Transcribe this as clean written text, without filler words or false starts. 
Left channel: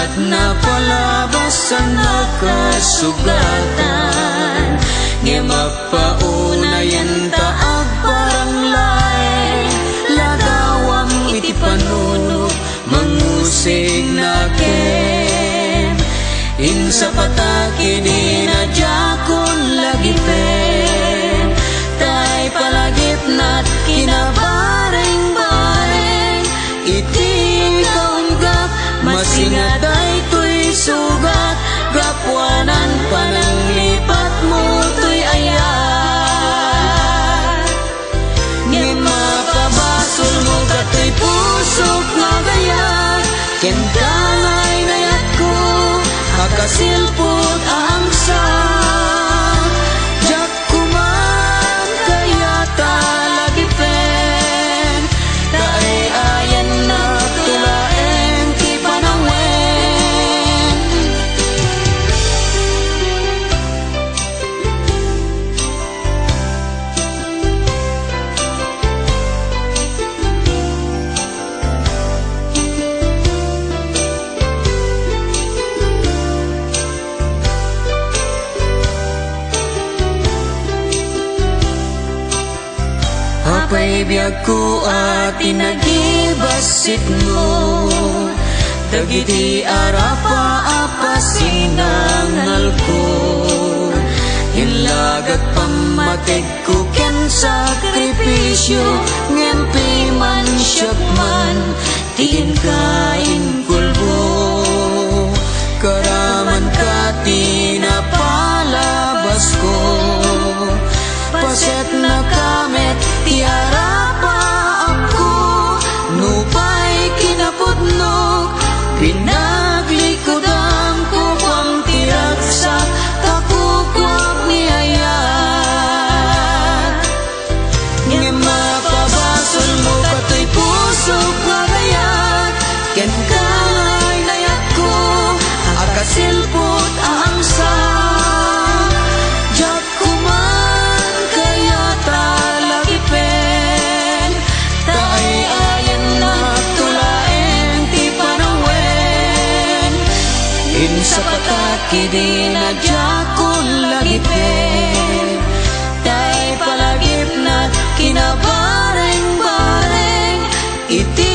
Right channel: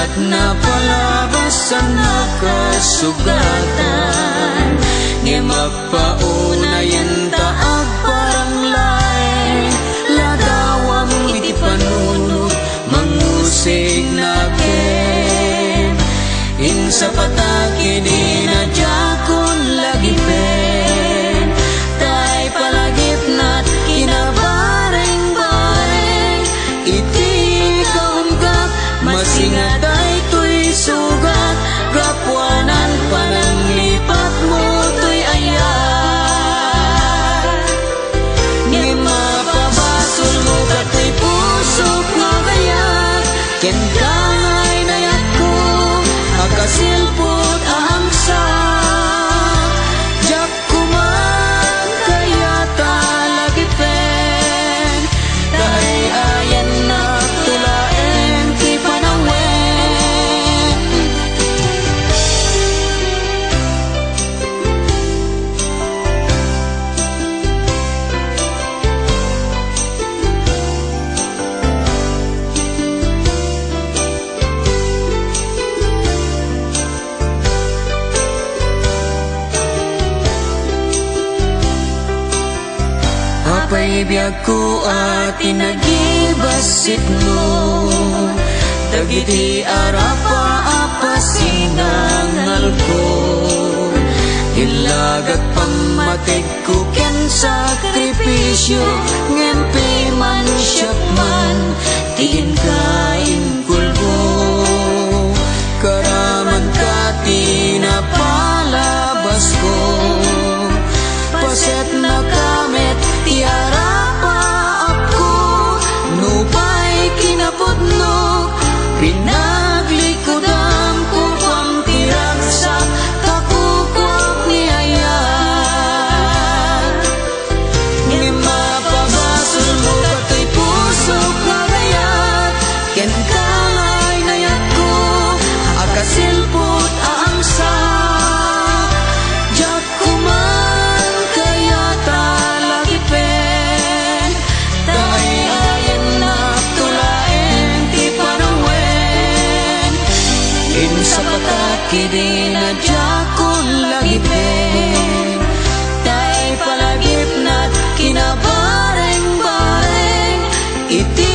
mat na palabasan nakasugatan, nga mapaunayan taag parang lae, ladawam iti panunod mangusig na ken. Insa pataki di na jakon lagi pen, tay palagip nat kinabareng-bareng, iti kaunggap masingaday to'y sugat, gapuanan pananglipat mo to'y ayat. Ngem mapabasol mo kato'y pusok nga gayat, ken kangay nayat ko akasilpot aangsak, jak kuman kayata lagi pen, kaayayan na tulaeng ti panangwen. Apay biyag ko at inagibasit mo, dagiti arapa apasinangal ko, ilagat pamatig ko ken sakripisyo, ngempi man siyak man tiin kain kulbo, karaman ka tinapalabas ko, paset na kamet tiara paap ko, nupay kinapudnog pinaglikudam ko pang tiragsak takukwap ni ayat. Ngem mapabasol mo kato'y pusok nga gayat, ken kangay nayat ko akasilpot aangsak, jak kuman kayata lagi pen, kaayayan na tulaeng ti panangwen. Insa pataki di na jakon lagi pen, tay palagip na't kinabareng-bareng, iti